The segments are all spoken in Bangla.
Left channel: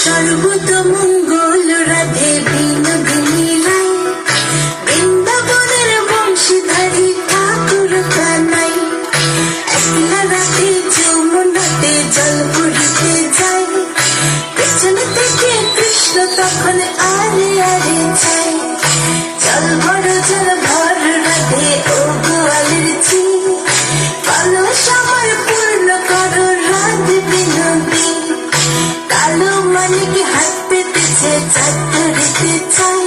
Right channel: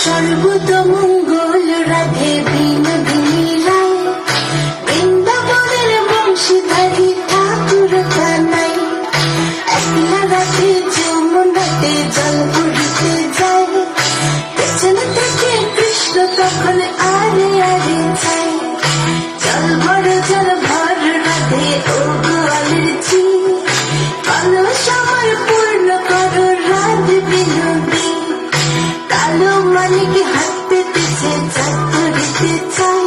সর্বতমঙ্গল রাধে বিনোদিনী রায়, বৃন্দাবনের বংশীধারী ঠাকুর কানাই। একলা রাতে যমুনাতে জল ভরিতে যায়, পেছনে থেকে কৃষ্ণ তখন আরে আরে যায়। জল ভর রাধে ও গোয়ালের ঝি, কালো সময় পূর্ণ করো রাধে বিনোদী। কালো মানে কি হাত পেতেছে চাঁদ ধরিতে চাই,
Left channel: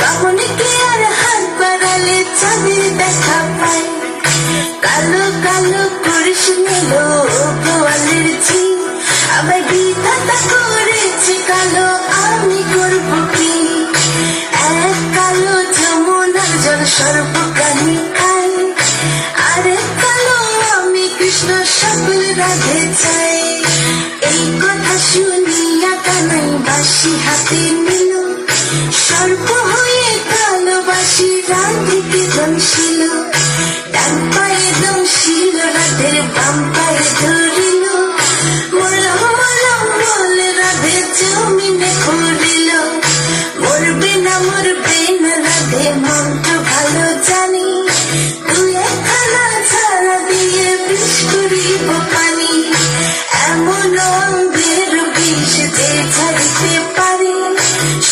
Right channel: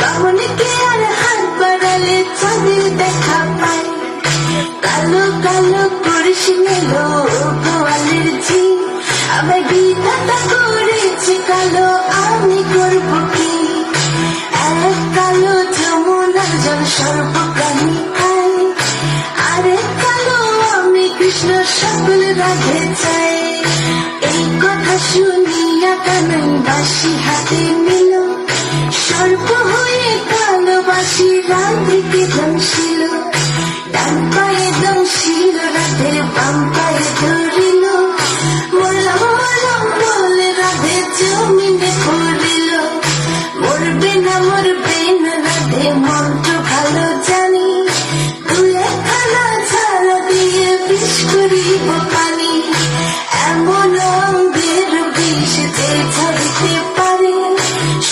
বামনকে আর হাত বাড়ালে চাঁদের দেখা পায়। কালো কালো পুরুষ নিল গোয়ালের ঝি, আবার বিধাতা করেছে কালো, আমি করব কি? এক কালো যমুনার জল সর্বপ্রাণী খাই, আরেক কালো আমি কৃষ্ণ সকল রাধে চাই। এই কথা শুনিয়া কানাই বাঁশি হাতে নিল, সর্প হয়ে কালো বাঁশি রাধিকে দংশিল। ডান পায়ে দংশিল রাধের বাম পায়ে ধরিল, মরম মরম বলে রাধে জমিনে পড়িল। মরবে না রাধে মন্ত্র ভালো জানি, দুই একখানা ছাড়া দিয়ে বিষ করিব পানি। এমন অঙ্গের বিষ যে ছাড়িতে পারে,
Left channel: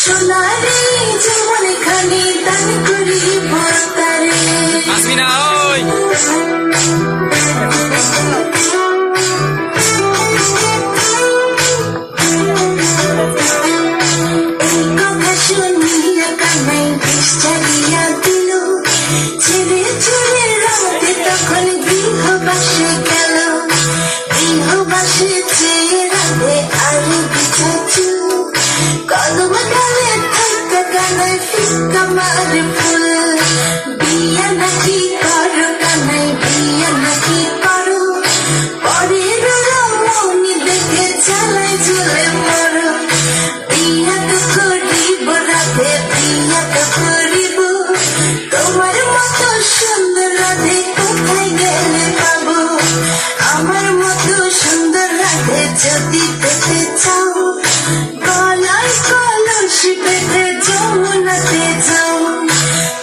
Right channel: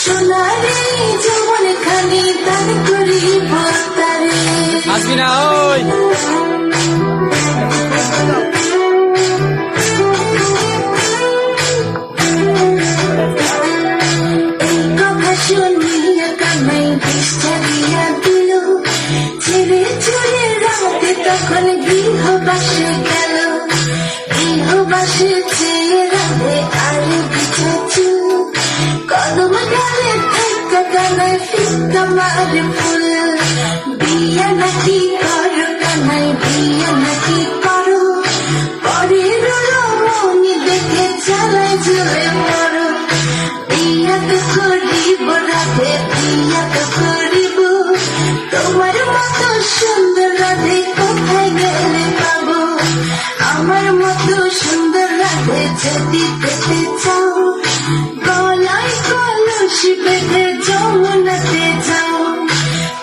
সোনারে যেমন খানি দান করিব তারে। আসবি না ওই এই কথা শুনিয়া কানাই বিষ ছাড়িয়া দিল, ছেড়ে ছেড়ে রাতে তখন গৃহবাসে গেল। গৃহবাসে চেয়ে রাধে আরে বিছাছিল, কদম ডালে ধাক্কা কানাই ফিক্কা মারে ফুল। বিয়া নাকি করো কানাই, বিয়া নাকি করো, পরের রমণী দেখে চালায় জ্বলে মরো। বিয়া তো করিব রাধে, বিয়া তো করিব, তোমার মতো সুন্দর রাধে কোথায় গেলে পাবো? আমার মতো সুন্দর রাধে যদি পেতে চাও, গলায় কলসি বেঁধে যমুনাতে যাও।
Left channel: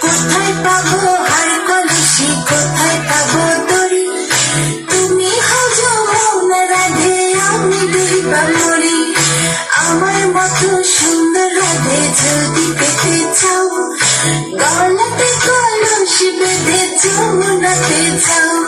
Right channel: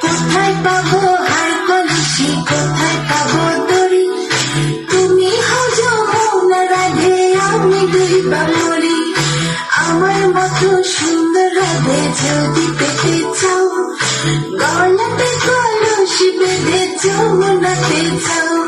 কোথায় পাবো হার কলসি, কোথায় পাবো দড়ি? তুমি হও যমুনা রাধে, আমি ডুইবা মরি। আমার মতো সুন্দর রাধে যদি পেতে চাও, গলাতে কলসি বেঁধে যমুনাতে যাও।